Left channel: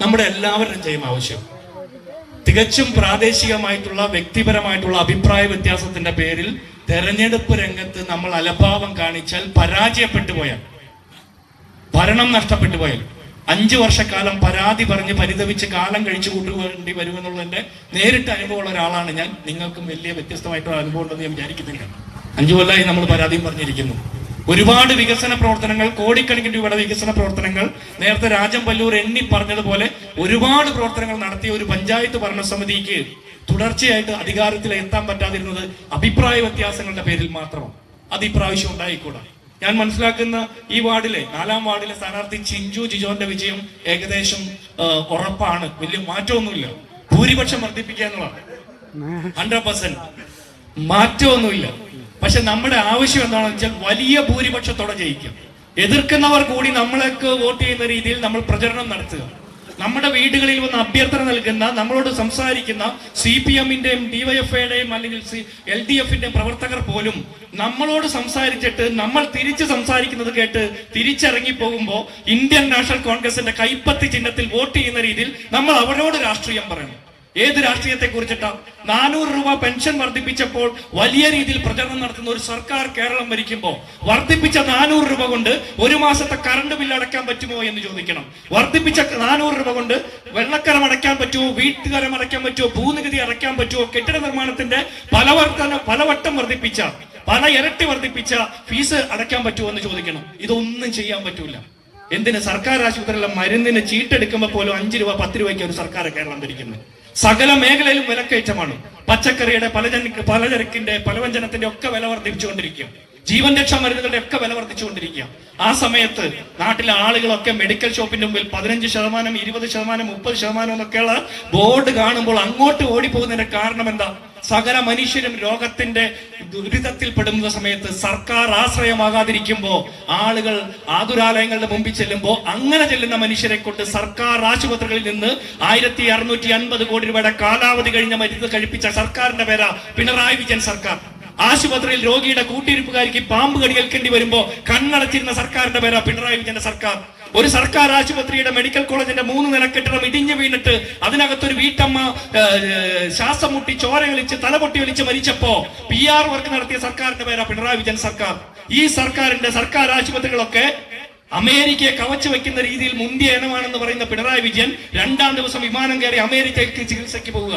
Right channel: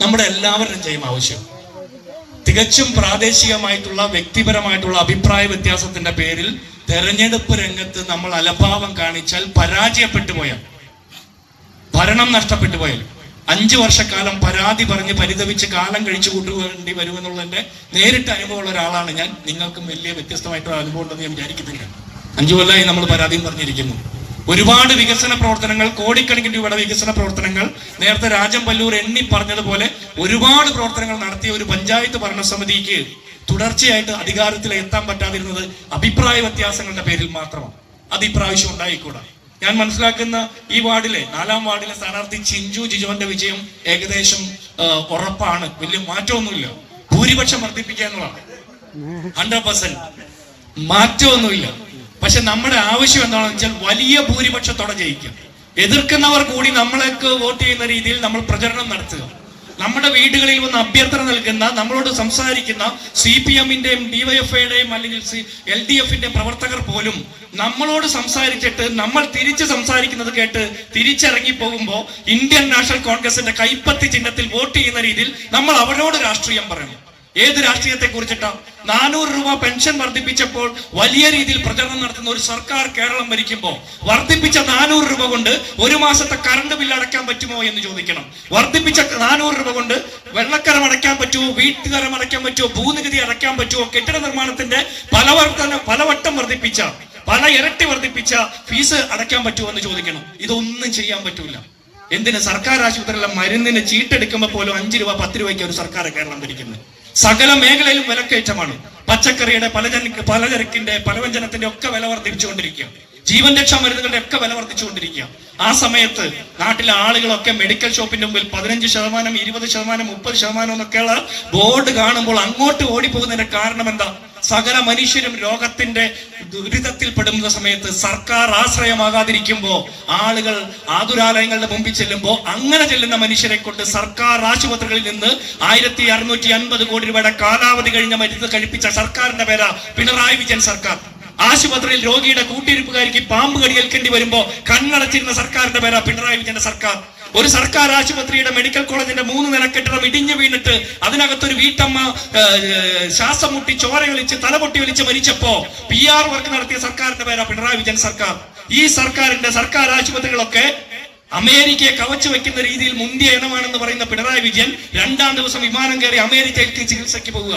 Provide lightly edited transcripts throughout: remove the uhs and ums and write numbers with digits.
നമ്മുടെ എല്ലാവരുടെയും ആവശ്യം. തികച്ചും പ്രാദേശികമായിട്ടുള്ള വ്യക്തിപരമായിട്ടുള്ള അഭിപ്രായ വ്യത്യാസത്തിന്റെ പേരിൽ തെരഞ്ഞെടുപ്പ് രംഗത്ത് നമ്മൾ അലംഭാവം കാണിച്ചാൽ, പരാജയപ്പെട്ടു പോയാൽ, ഭരണം നഷ്ടപ്പെട്ടു പോയാൽ, 5 വർഷക്കാലം പരാതി പറഞ്ഞ് പരിതപിച്ച് കാലം കഴിച്ചു കൂട്ടുവേണ്ടി വരുമെന്നുള്ളതിന്റെ നേരിട്ട് അനുഭവമുള്ള ഒരാളാണ് ഞാൻ. നിങ്ങൾക്കും വലിയ വ്യത്യസ്തമായിട്ടുള്ള അനുഭവം ഉണ്ടെന്ന് ഞാൻ വിചാരിക്കുന്നില്ല. 5 കൊല്ലമായി നമ്മൾ പരാതിയും പറഞ്ഞിരിക്കുന്നു. ഒരുപാട് വികസന പ്രവർത്തനങ്ങൾ, കോടിക്കണക്കിന് രൂപയുടെ വികസന പ്രവർത്തനങ്ങൾ, നേരത്തെ രാജൻ പല്ലൂർ എണ്ണി പറഞ്ഞതുപോലെ ഒരുപാട് പ്രവർത്തനങ്ങൾ നടത്തിയ ഒരു പഞ്ചായത്ത് ഭരണസമിതിക്ക് തുടർച്ചയായിട്ട് അധികാരത്തിൽ എത്താൻ പറ്റാതിരുന്നത് അഭിപ്രായ വ്യത്യാസങ്ങളുടെ പേരിൽ മാത്രമാണ്. അത് ഇപ്രാവശ്യം ഉണ്ടായിക്കൂടാ. ഞാൻ മനസ്സിലാക്കുന്ന ഈ വാർഡിലെ 4ാം വാർഡിലെ സ്ഥാനാർത്ഥി ചിഞ്ചു ജിജോന്റെ വിജയം ഏകദേശം ഉറപ്പാണ്. വലിയ മാറ്റമൊന്നുമില്ല. ഭൂരിപക്ഷം വർദ്ധിപ്പിക്കുക എന്നുള്ളതാണ് 100%. മാറ്റമൊന്നുമില്ല. പക്ഷെ നമ്മുടെ ആവശ്യം എന്താണെന്ന് വെച്ചാൽ വലിയ ഭൂരിപക്ഷത്തോടെ ജയിക്കും. എതിർക്കുന്നവർ കൂടി നമ്മളൊക്കെ വോട്ട് ചെയ്യുന്ന രീതിയിൽ നമ്മൾ പ്രചരണം നടത്തുക. നമ്മുടെ വീടുകളിൽ വന്ന് അഭ്യർത്ഥന നൽകുന്ന, നമ്മളോട് സംസാരിക്കുന്ന CPM-ന്റെയും DYFIയുടെയും അല്ലെങ്കിൽ LDF-ന്റെയും പ്രവർത്തകർ പോലും നമ്മളോട് സംസാരിച്ചിട്ട് നമ്മൾ തിരിച്ച് സംസാരിക്കുന്നത് കേട്ട് തിരിച്ചിറങ്ങി പോകുമ്പോൾ ഇന്ത്യൻ നാഷണൽ കോൺഗ്രസിന്റെ കൈപ്പത്തി ചിഹ്നത്തിൽ വോട്ട് ചെയ്യുന്ന രീതിയിൽ നമ്മൾ അവരോട് രാഷ്ട്രീയം പറയണം. ഏത് രാഷ്ട്രീയത്തെ കുറിച്ചിട്ടാ? 400 രൂപ പെൻഷൻ വർദ്ധിപ്പിച്ചപ്പോൾ വലിയ രീതിയിൽ പ്രചരണം നടത്തുന്ന ഒരു സർക്കാർ കേരളം ഭരിക്കുമ്പോൾ വർദ്ധിപ്പിച്ച 400 രൂപ കൊണ്ട് ഒരു മാസത്തെ കറണ്ട് ബില്ല് അടയ്ക്കാൻ പറ്റുമോ എന്ന് ചോദിക്കണം. വർദ്ധിപ്പിച്ച 400 രൂപ കൊണ്ട് വെള്ളക്കരം അടയ്ക്കാൻ പറ്റുമോ, വീട്ടുകരം അടയ്ക്കാൻ പറ്റുമോ, ഭൂനികുതി അടയ്ക്കാൻ പറ്റുമോ, കെട്ടിട നിർമ്മാണത്തിന്റെ പലവട്ടം വർദ്ധിപ്പിച്ച, പല ഇരട്ടി വർദ്ധിപ്പിച്ച ഫീസ് അടയ്ക്കാൻ പറ്റുമോ എന്ന് ചോദിക്കണം. ഇതൊന്നും ചെയ്യാൻ പറ്റൂല. എന്തിന്? സർക്കാർ ആശുപത്രിയിലെ മരുന്നിന് ചീട്ടെടുക്കുമ്പോൾ പോലും 5 രൂപ 10 രൂപയ്ക്ക് ഒരു സർക്കാർ കേരളം ഭരിക്കുന്നത്. സകല മേഖലയിലും വിലക്കയറ്റമാണ്. പച്ചക്കറിയുടെ, പലചരക്കിന്റെ, പലവ്യഞ്ജനത്തിന്റെ ഒക്കെ വില വർദ്ധിപ്പിച്ചുകൊണ്ടിരിക്കുക. ജീവൻ രക്ഷാ മരുന്നുകളുടെ ഒക്കെ വില വർദ്ധിച്ചുകൊണ്ടിരിക്കുക. ആ സമയത്ത് നാട്ടിലെ ആളുകളൊക്കെ മെഡിക്കൽ ഷോപ്പിന്റെ മുമ്പിൽ 15%, 20%, 30% എന്നൊക്കെയുള്ള ബോർഡ് കാണുമ്പോൾ അങ്ങോട്ട് ഓടിപ്പോകുന്നതിന്റെ കാരണം എന്താ? സകല മനുഷ്യരും രോഗത്തിന്റെ ദുരിതത്തിൽ പെടുന്ന സമയത്ത് സർക്കാർ ആശ്രയമാകാതിരിക്കുമ്പോ, ആളുകൾ ആതുരാലയങ്ങളുടെ മുമ്പിൽ ചെല്ലുമ്പോൾ അങ്ങനെ ചെല്ലുന്ന മനുഷ്യരെ കൊണ്ട് സർക്കാർ ആശുപത്രികളിൽ നിന്ന് 1650 കോടി രൂപയുടെ കാലാവധി കഴിഞ്ഞ മരുന്ന് കഴിപ്പിച്ച സർക്കാരിന്റെ പേരാ പിണറായി വിജയൻ സർക്കാർ. ആശുപത്രിയിൽ രോഗിയുടെ കൂട്ടിരിപ്പുകാരിക്ക് പാമ്പ് കടിയേൽക്കേണ്ടി വരുമ്പോ കണ്ണടച്ചിരുന്ന സർക്കാരിന്റെ പേരാ പിണറായി വിജയന്റെ സർക്കാർ. ഒരു സർക്കാർ ആശുപത്രിയുടെ മെഡിക്കൽ കോളേജിന്റെ 3 നില കെട്ടിടം ഇടിഞ്ഞു വീണിട്ട് അതിനകത്തൊരു വീട്ടമ്മ ശ്വാസം മുട്ടി ചോരയൊലിച്ച് തലപൊട്ടി വലിച്ച് മരിച്ചപ്പോ PR വർക്ക് നടത്തിയ സർക്കാരിന്റെ പേരാ പിണറായി വിജയൻ സർക്കാർ. ഈ സർക്കാരിന്റെ സർക്കാർ ആശുപത്രികളൊക്കെ അമേരിക്കയെ കവച്ചു വെക്കുന്ന രീതിയിൽ മുന്തിയ ഇനമാണെന്ന് പറയുന്ന പിണറായി വിജയൻ 2ാം ദിവസം വിമാനം കയറി അമേരിക്കയ്ക്ക് ചികിത്സയ്ക്ക് പോവുക.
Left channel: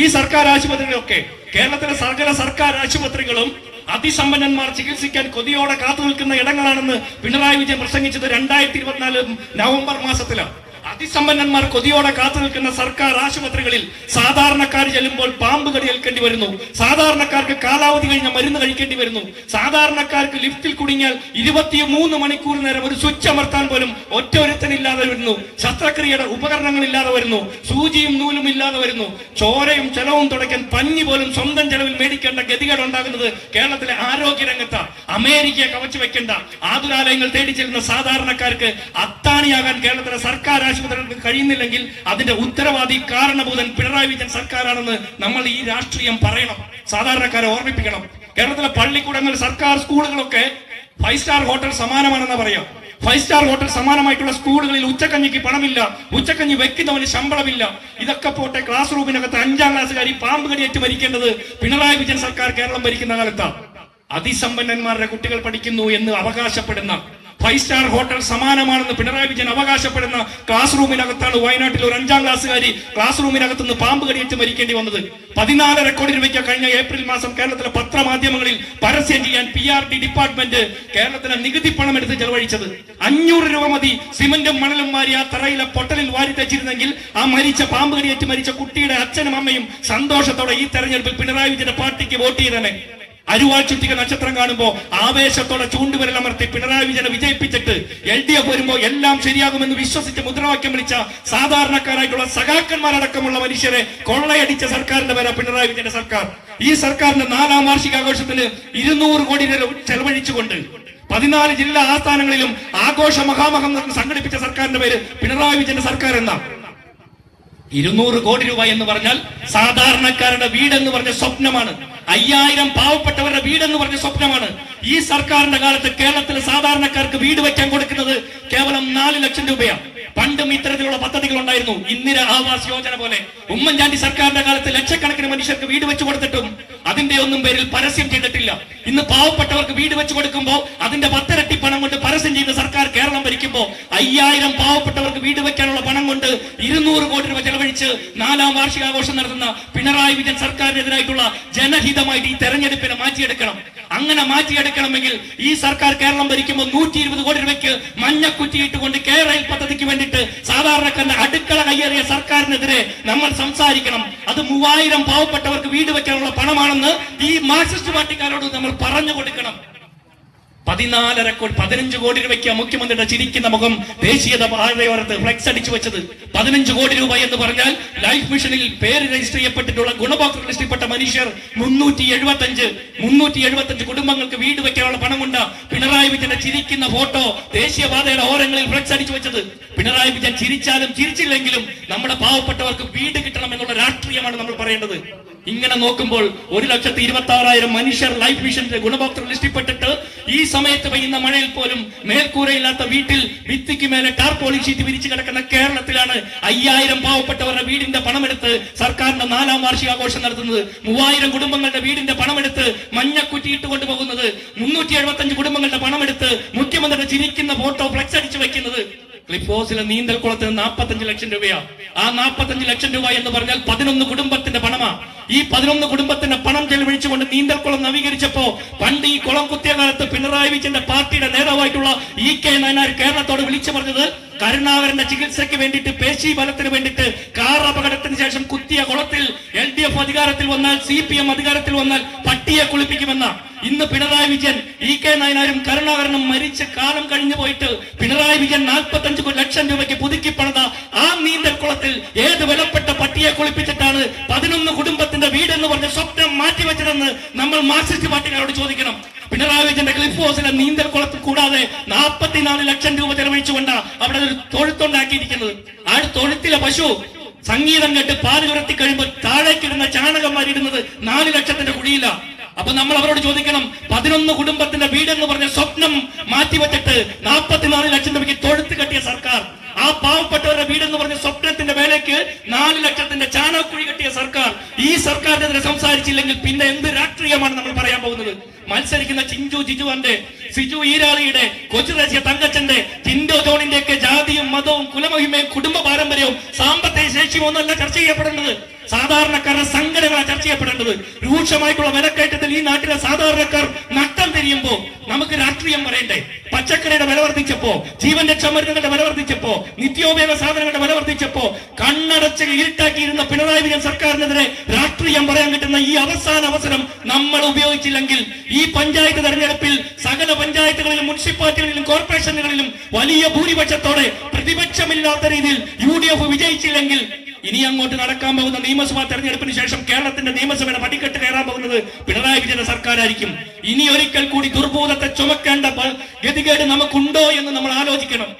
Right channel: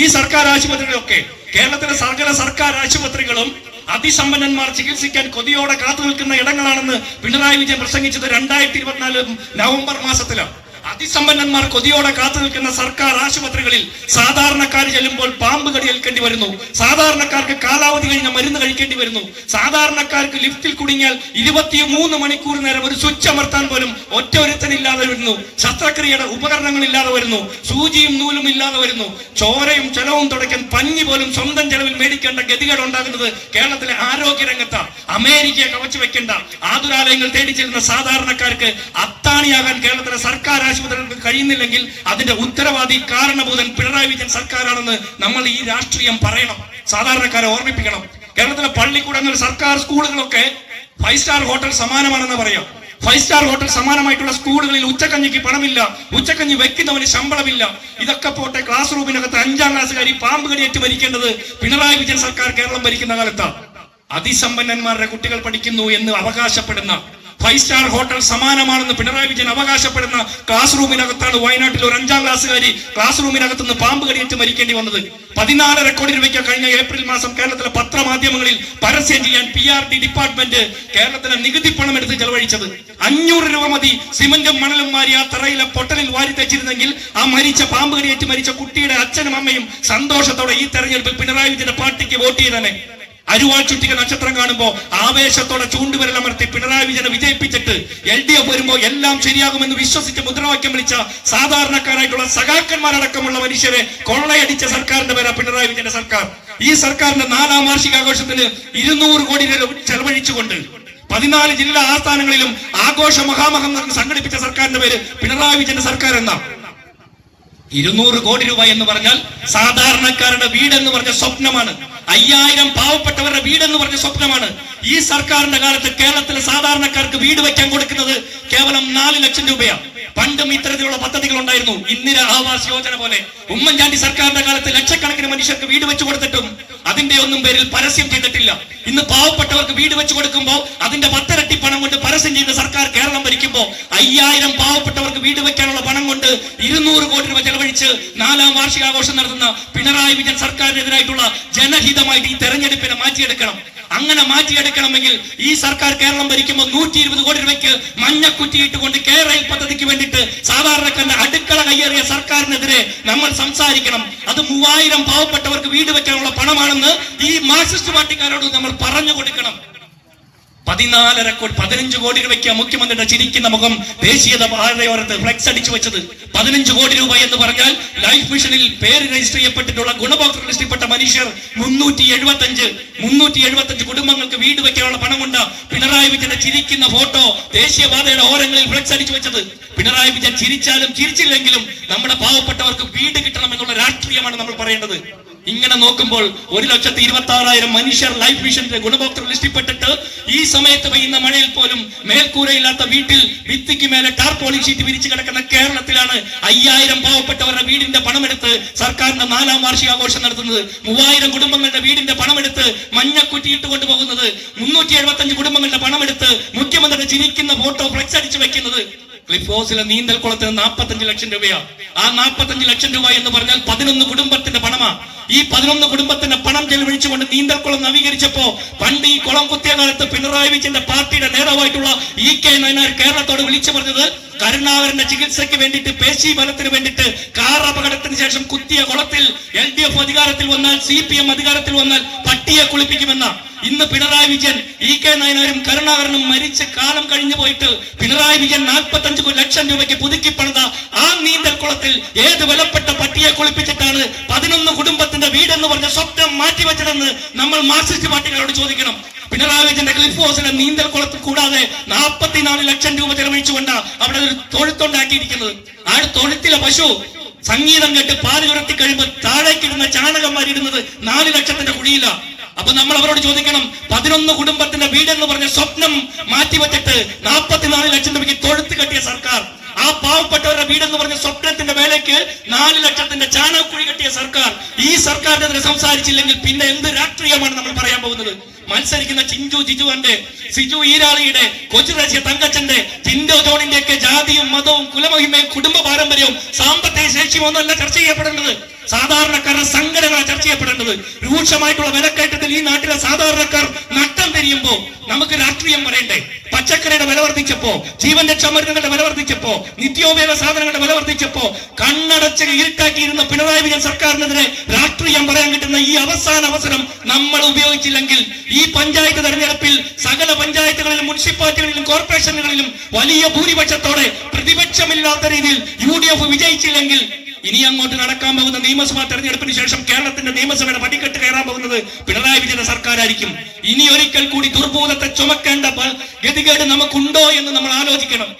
ഈ സർക്കാർ ആശുപത്രികളൊക്കെ, കേരളത്തിലെ സകല സർക്കാർ ആശുപത്രികളും അതിസമ്പന്നന്മാർ ചികിത്സിക്കാൻ കൊതിയോടെ കാത്തു നിൽക്കുന്ന ഇടങ്ങളാണെന്ന് പിണറായി വിജയൻ പ്രസംഗിച്ചത് 2024 നവംബർ മാസത്തിലാണ്. അതിസമ്പന്നന്മാർ കൊതിയോടെ കാത്തു നിൽക്കുന്ന സർക്കാർ ആശുപത്രികളിൽ സാധാരണക്കാർ ചെല്ലുമ്പോൾ പാമ്പ് കടിയേൽക്കേണ്ടി വരുന്നു. സാധാരണക്കാർക്ക് കാലാവധി കഴിഞ്ഞ മരുന്ന് കഴിക്കേണ്ടി വരുന്നു. സാധാരണക്കാർക്ക് ലിഫ്റ്റിൽ കുടുങ്ങിയാൽ 23 മണിക്കൂർ നേരം ഒരു സ്വിച്ച് അമർത്താൻ പോലും ഒരുത്തനില്ലാതെ വരുന്നു. ശസ്ത്രക്രിയയുടെ ഉപകരണങ്ങൾ ഇല്ലാതെ വരുന്നു. സൂചിയും നൂലും ഇല്ലാതെ വരുന്നു. ചോരയും ചെലവും തുടയ്ക്കാൻ പഞ്ഞി പോലും സ്വന്തം ചെലവിൽ മേടിക്കേണ്ട ഗതികേട് ഉണ്ടാകുന്നത് കേരളത്തിലെ ആരോഗ്യരംഗത്താണ്. അമേരിക്കയെ കവച്ചു വെക്കേണ്ട ആതുരാലയങ്ങൾ തേടി ചെല്ലുന്ന സാധാരണക്കാർക്ക് അത്താണിയാകാൻ കേരളത്തിലെ സർക്കാർ ആശുപത്രികൾക്ക് കഴിയുന്നില്ലെങ്കിൽ അതിന്റെ ഉത്തരവാദി, കാരണഭൂതൻ പിണറായി വിജയൻ സർക്കാരാണെന്ന് നമ്മൾ ഈ രാഷ്ട്രീയം പറയണം. സാധാരണക്കാരെ ഓർമ്മിപ്പിക്കണം. കേരളത്തിലെ പള്ളിക്കൂടങ്ങൾ, സർക്കാർ സ്കൂളുകളൊക്കെ 5 സ്റ്റാർ ഹോട്ടൽ സമാനമാണെന്ന് പറയാം. 5 സ്റ്റാർ ഹോട്ടൽ സമാനമായിട്ടുള്ള സ്കൂളുകളിൽ ഉച്ചക്കഞ്ഞിക്ക് പണമില്ല, ഉച്ചക്കഞ്ഞി വെക്കുന്നവന് ശമ്പളമില്ല. ഇതൊക്കെ പോട്ടെ, ക്ലാസ് റൂമിനകത്ത് 5ാം ക്ലാസ്സുകാരി പാമ്പ് കടിയേറ്റ് മരിക്കേണ്ടത് പിണറായി വിജയൻ സർക്കാർ കേരളം ഭരിക്കുന്ന കാലത്താണ്. അതിസമ്പന്നന്മാരുടെ കുട്ടികൾ പഠിക്കുന്നു എന്ന് അവകാശപ്പെടുന്ന, 5 സ്റ്റാർ ഹോട്ടൽ സമാനമാണെന്ന് പിണറായി വിജയൻ അവകാശപ്പെടുന്ന ക്ലാസ് റൂമിനകത്താണ് വയനാട്ടിൽ ഒരു 5ാം ക്ലാസ്സുകാരി ക്ലാസ് റൂമിനകത്ത് നിന്ന് പാമ്പ് കടിയേറ്റ് മരിക്കേണ്ടി വന്നത്. 14 കോടി രൂപയ്ക്ക് കഴിഞ്ഞ ഏപ്രിൽ മാസം കേരളത്തിലെ പത്രമാധ്യമങ്ങളിൽ പരസ്യം ചെയ്യാൻ PRD ഡിപ്പാർട്ട്മെന്റ് കേരളത്തിലെ നികുതി പണം എടുത്ത് ചെലവഴിച്ചത്. 500 രൂപ മതി സിമന്റും മണലും മാറി ആ തറയിലെ പൊട്ടലിൽ വാരി തെച്ചിരുന്നെങ്കിൽ ആ മരിച്ച പാമ്പ് കടിയേറ്റ് മരിച്ച കുട്ടിയുടെ അച്ഛനും അമ്മയും സന്തോഷത്തോടെ ഈ തെരഞ്ഞെടുപ്പിൽ പിണറായി വിജയന്റെ പാർട്ടിക്ക് വോട്ട് ചെയ്തനെ. അരുവാൾ ചുറ്റിക നക്ഷത്രം കാണുമ്പോ ആവേശത്തോടെ ചൂണ്ടുവിരലമർത്തി പിണറായി വിജയനെ വിജയിപ്പിച്ചിട്ട് LDF വരുമ്പോ എല്ലാം ശരിയാകുമെന്ന് വിശ്വസിച്ച് മുദ്രാവാക്യം വിളിച്ച സാധാരണക്കാരായിട്ടുള്ള സഖാക്കന്മാരടക്കമുള്ള മനുഷ്യരെ കൊള്ളയടിച്ച സർക്കാരിന്റെ പേരാ പിണറായി വിജയന്റെ സർക്കാർ. ഈ സർക്കാരിന്റെ 4ാം വാർഷികാഘോഷത്തിന് 200 കോടി രൂപ ചെലവഴിച്ചുകൊണ്ട് 14 ജില്ലാ ആസ്ഥാനങ്ങളിലും ആഘോഷ മഹാമഹം സംഘടിപ്പിച്ച സർക്കാരിന്റെ പേര് പിണറായി വിജയന്റെ സർക്കാർ എന്നാ. 200 കോടി രൂപ എന്ന് പറഞ്ഞാൽ സാധാരണക്കാരുടെ വീടെന്ന് പറഞ്ഞ സ്വപ്നമാണ്. 5000 പാവപ്പെട്ടവരുടെ വീടെന്ന് പറഞ്ഞ സ്വപ്നമാണ്. ഈ സർക്കാരിന്റെ കാലത്ത് കേരളത്തിലെ സാധാരണക്കാർക്ക് വീട് വെക്കാൻ കൊടുക്കുന്നത് കേവലം 4 ലക്ഷം രൂപയാണ്. പണ്ടും ഇത്തരത്തിലുള്ള പദ്ധതികൾ ഉണ്ടായിരുന്നു. ഇന്ദിര ആവാസ് യോജന പോലെ ഉമ്മൻചാണ്ടി സർക്കാരിന്റെ കാലത്ത് ലക്ഷക്കണക്കിന് മനുഷ്യർക്ക് വീട് വെച്ചു കൊടുത്തിട്ടും അതിന്റെ ഒന്നും പേരിൽ പരസ്യം ചെയ്തിട്ടില്ല. ഇന്ന് പാവപ്പെട്ടവർക്ക് വീട് വെച്ചു കൊടുക്കുമ്പോൾ അതിന്റെ 10 ഇരട്ടി പണം കൊണ്ട് പരസ്യം ചെയ്ത സർക്കാർ കേരളം ഭരിക്കുമ്പോൾ 5000 പാവപ്പെട്ടവർക്ക് വീട് വെക്കാനുള്ള പണം കൊണ്ട് 200 കോടി രൂപ ചെലവഴിച്ച് 4ാം വാർഷികാഘോഷം നടത്തുന്ന പിണറായി വിജയൻ സർക്കാരിനെതിരായിട്ടുള്ള ജനഹിതമായിട്ട് ഈ തെരഞ്ഞെടുപ്പിനെ മാറ്റിയെടുക്കണം. അങ്ങനെ മാറ്റിയെടുക്കണമെങ്കിൽ ഈ സർക്കാർ കേരളം ഭരിക്കുമ്പോൾ 120 കോടി രൂപയ്ക്ക് മഞ്ഞക്കുറ്റിയിട്ടുകൊണ്ട് കേരള പദ്ധതിക്ക് വേണ്ടിയിട്ട് സാധാരണക്കാരന്റെ അടുക്കള കയ്യേറിയ സർക്കാരിനെതിരെ നമ്മൾ സംസാരിക്കണം. അത് 3000 പാവപ്പെട്ടവർക്ക് വീട് വെക്കാനുള്ള പണമാണെന്ന് ഈ മാർക്സിസ്റ്റ് പാർട്ടിക്കാരോട് നമ്മൾ പറഞ്ഞു കൊടുക്കണം. 15 കോടി രൂപയ്ക്ക് മുഖ്യമന്ത്രിയുടെ ചിരിക്കുന്ന മുഖം ദേശീയത പാതയോരത്ത് ഫ്ലെക്സ് അടിച്ചു വെച്ചത്. 15 കോടി രൂപ എന്ന് പറഞ്ഞാൽ ലൈഫ് മിഷനിൽ പേര് രജിസ്റ്റർ ചെയ്യപ്പെട്ടിട്ടുള്ള ഗുണഭോക്തൃ ലിസ്റ്റിൽപ്പെട്ട മനുഷ്യർ 375 കുടുംബങ്ങൾക്ക് വീട് വെക്കാനുള്ള പണമുണ്ട്. പിണറായി വിജയന്റെ ചിരിക്കുന്ന ഫോട്ടോ ദേശീയപാതയുടെ ഓരങ്ങളിൽ ഫ്ലെക്സ് അടിച്ചു വെച്ചത്. പിണറായി വിജയൻ ചിരിച്ചാലും ചിരിച്ചില്ലെങ്കിലും നമ്മുടെ പാവപ്പെട്ടവർക്ക് വീട് കിട്ടണം എന്നുള്ള രാഷ്ട്രീയമാണ് നമ്മൾ പറയേണ്ടത്. ഇങ്ങനെ നോക്കുമ്പോൾ 1,26,000 മനുഷ്യർ ലൈഫ് മിഷന്റെ ഗുണഭോക്തൃ ലിസ്റ്റിൽപ്പെട്ടിട്ട് ഈ സമയത്ത് പെയ്യുന്ന മഴയിൽ പോലും മേൽക്കൂരയില്ലാത്ത വീട്ടിൽ ഭിത്തിക്ക് മേലെ ടാർപോളിൻ ഷീറ്റ് വിരിച്ചു കിടക്കുന്ന കേരളത്തിലാണ് 5000 പാവപ്പെട്ടവരുടെ വീടിന്റെ പണമെടുത്ത് സർക്കാരിന്റെ 4ാം വാർഷികാഘോഷം നടത്തുന്നത്. 3000 കുടുംബങ്ങളുടെ വീടിന്റെ പണമെടുത്ത് മഞ്ഞക്കുറ്റിയിട്ട് കൊണ്ടുപോകുന്നത്. 375 കുടുംബങ്ങളുടെ പണമെടുത്ത് മുഖ്യമന്ത്രിയുടെ ചിരിക്കുന്ന ഫോട്ടോ ഫ്ലെക്സ് അടിച്ചു വെക്കുന്നത്. ക്ലിഫ് ഹൗസിലെ നീന്തൽക്കുളത്തിന് 45 ലക്ഷം രൂപയാണ്. ആ 45 ലക്ഷം രൂപ എന്ന് പറഞ്ഞാൽ 11 കുടുംബത്തിന്റെ പണമാ. ഈ 11 കുടുംബത്തിന്റെ പണം ചെലവഴിച്ചുകൊണ്ട് നീന്തൽക്കുളം നവീകരിച്ചപ്പോ പണ്ട് ഈ കുളം കുത്തിയ കാലത്ത് പിണറായി വിജയന്റെ പാർട്ടിയുടെ നേതാവായിട്ടുള്ള EK നായനാർ കേരളത്തോട് വിളിച്ചു പറഞ്ഞത് കരുണാകരന്റെ ചികിത്സയ്ക്ക് വേണ്ടിയിട്ട് പേശി ബലത്തിന് വേണ്ടിയിട്ട് കാർ അപകടത്തിന് ശേഷം കുത്തിയ കുളത്തിൽ LDF അധികാരത്തിൽ വന്നാൽ CPM അധികാരത്തിൽ വന്നാൽ പട്ടിയെ കുളിപ്പിക്കുമെന്ന. ഇന്ന് പിണറായി വിജയൻ EK നായനാരും കരുണാകരനും മരിച്ച കാലം കഴിഞ്ഞു പോയിട്ട് പിണറായി വിജയൻ 45 ലക്ഷം രൂപയ്ക്ക് പുതുക്കി പണിത ആ നീന്തൽക്കുളത്തിൽ ഏത് വിലപ്പെട്ട പട്ടിയെ കുളിപ്പിച്ചിട്ടാണ് 11 കുടുംബത്തിന്റെ വീടെന്ന് പറഞ്ഞ സ്വപ്നം മാറ്റിവെച്ചതെന്ന് നമ്മൾ മാർക്സിസ്റ്റ് പാർട്ടികളോട് ചോദിക്കണം. പിണറായി വിജയന്റെ ക്ലിഫ് ഹൗസിലെ നീന്തൽക്കുളത്തിൽ കൂടാതെ 44 ലക്ഷം രൂപ ചെലവഴിച്ചുകൊണ്ടാണ് അവിടെ ഒരു തൊഴുത്തുണ്ടാക്കിയിരിക്കുന്നത്. ആ തൊഴുത്തിലെ പശു സംഗീതം കേട്ട് പാല് ഉരത്തി കഴിയുമ്പോൾ താഴേക്കിടുന്ന ചാണകന്മാരിടുന്നത് 4 ലക്ഷത്തിന്റെ കുഴിയില. അപ്പൊ നമ്മൾ അവരോട് ചോദിക്കണം, 11 കുടുംബത്തിന്റെ വീടെന്ന് പറഞ്ഞ സ്വപ്നം മാറ്റിവെച്ചിട്ട് 44 ലക്ഷം രൂപയ്ക്ക് തൊഴുത്ത് കെട്ടിയ സർക്കാർ, ആ പാവപ്പെട്ടവരുടെ വീടെന്ന് പറഞ്ഞ സ്വപ്നത്തിന്റെ വേലയ്ക്ക് 4 ലക്ഷത്തിന്റെ ചാണകക്കുഴി കെട്ടിയ സർക്കാർ, ഈ സർക്കാരിനെതിരെ സംസാരിച്ചില്ലെങ്കിൽ പിന്നെ എന്ത് രാഷ്ട്രീയമാണ് നമ്മൾ പറയാൻ പോകുന്നത്? മത്സരിക്കുന്ന ചിഞ്ചു ജിജുവന്റെ, സിജു ഈരാളിയുടെ, കൊച്ചുദേശീയ തങ്കച്ചന്റെ, ടിൻഡോ ജോണിന്റെ ഒക്കെ ജാതിയും മതവും കുലമഹിമയും കുടുംബ പാരമ്പര്യവും സാമ്പത്തിക ശേഷിയും ഒന്നല്ല ചർച്ച ചെയ്യപ്പെടേണ്ടത്. സാധാരണക്കാരുടെ സംഘടനകളെ ചർച്ച ചെയ്യപ്പെടേണ്ടത്. രൂക്ഷമായിട്ടുള്ള വിലക്കയറ്റത്തിൽ ഈ നാട്ടിലെ സാധാരണക്കാർ നട്ടം തിരിയുമ്പോ നമുക്ക് രാഷ്ട്രീയം പറയണ്ടേ? പച്ചക്കറിയുടെ വില വർദ്ധിച്ചപ്പോ, ജീവൻ രക്ഷാമരുന്നുകളുടെ വില വർദ്ധിച്ചപ്പോ, നിത്യോപയോഗ സാധനങ്ങളുടെ വില വർദ്ധിച്ചപ്പോ കണ്ണടച്ച് ഇരുട്ടാക്കിയിരുന്ന പിണറായി വിജയൻ സർക്കാരിനെതിരെ രാഷ്ട്രീയം പറയാൻ കിട്ടുന്ന ഈ അവസാന അവസരം നമ്മൾ ഉപയോഗിച്ചില്ലെങ്കിൽ ഈ പഞ്ചായത്ത് തെരഞ്ഞെടുപ്പിൽ സകല പഞ്ചായത്തുകളിലും മുനിസിപ്പാലിറ്റികളിലും കോർപ്പറേഷനുകളിലും വലിയ ഭൂരിപക്ഷത്തോടെ പ്രതിപക്ഷമില്ലാത്ത രീതിയിൽ UDF വിജയിച്ചില്ലെങ്കിൽ ഇനി അങ്ങോട്ട് നടക്കാൻ പോകുന്ന നിയമസഭാ തെരഞ്ഞെടുപ്പിന് ശേഷം കേരളത്തിന്റെ നിയമസഭയുടെ പടിക്കെട്ട് കയറാൻ പോകുന്നത് പിണറായി വിജയന്റെ സർക്കാരായിരിക്കും. ഇനി ഒരിക്കൽ കൂടി ദുർഭൂതത്തെ ചുമക്കേണ്ട ഗതികേട് നമുക്കുണ്ടോ എന്ന് നമ്മൾ ആലോചിക്കണം.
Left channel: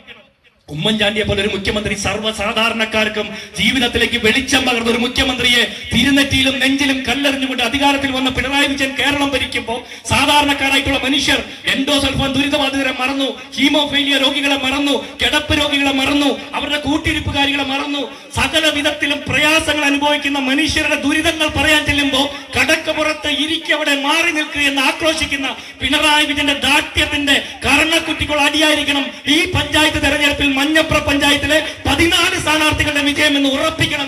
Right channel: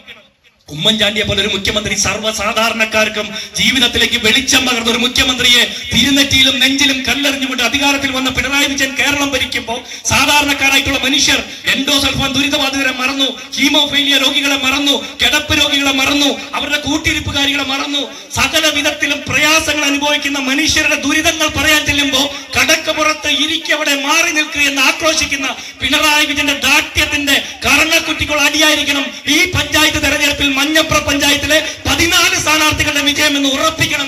ഉമ്മൻചാണ്ടിയെ പോലെ ഒരു മുഖ്യമന്ത്രി സർവ്വസാധാരണക്കാർക്കും ജീവിതത്തിലേക്ക് വെളിച്ചം പകർന്ന ഒരു മുഖ്യമന്ത്രിയെ തിരുനെറ്റിയിലും നെഞ്ചിലും കല്ലെറിഞ്ഞുകൊണ്ട് അധികാരത്തിൽ വന്ന പിണറായി വിജയൻ കേരളം ഭരിക്കുമ്പോൾ സാധാരണക്കാരായിട്ടുള്ള മനുഷ്യർ എൻഡോസൾഫാൻ ദുരിതബാധിതരെ മറന്നു, ഹീമോഫീലിയ രോഗികളെ മറന്നു, കിടപ്പ് രോഗികളെ മറന്നു, അവരുടെ കൂട്ടിരിപ്പുകാരികളെ മറന്നു. സകല വിധത്തിലും പ്രയാസങ്ങൾ അനുഭവിക്കുന്ന മനുഷ്യരുടെ ദുരിതങ്ങൾ പറയാൻ ചെല്ലുമ്പോൾ കടക്കപ്പുറത്ത് ഇരിക്കവിടെ മാറി നിൽക്കുക എന്ന് ആക്രോശിക്കുന്ന പിണറായി വിജയന്റെ ദാഷ്ട്യത്തിന്റെ കർണക്കുറ്റിക്കുള്ള അടിയായിരിക്കണം ഈ പഞ്ചായത്ത് തെരഞ്ഞെടുപ്പിൽ മഞ്ഞപ്ര പഞ്ചായത്തിലെ 14 സ്ഥാനാർത്ഥികളുടെ വിജയം എന്ന് ഉറപ്പിക്കണം.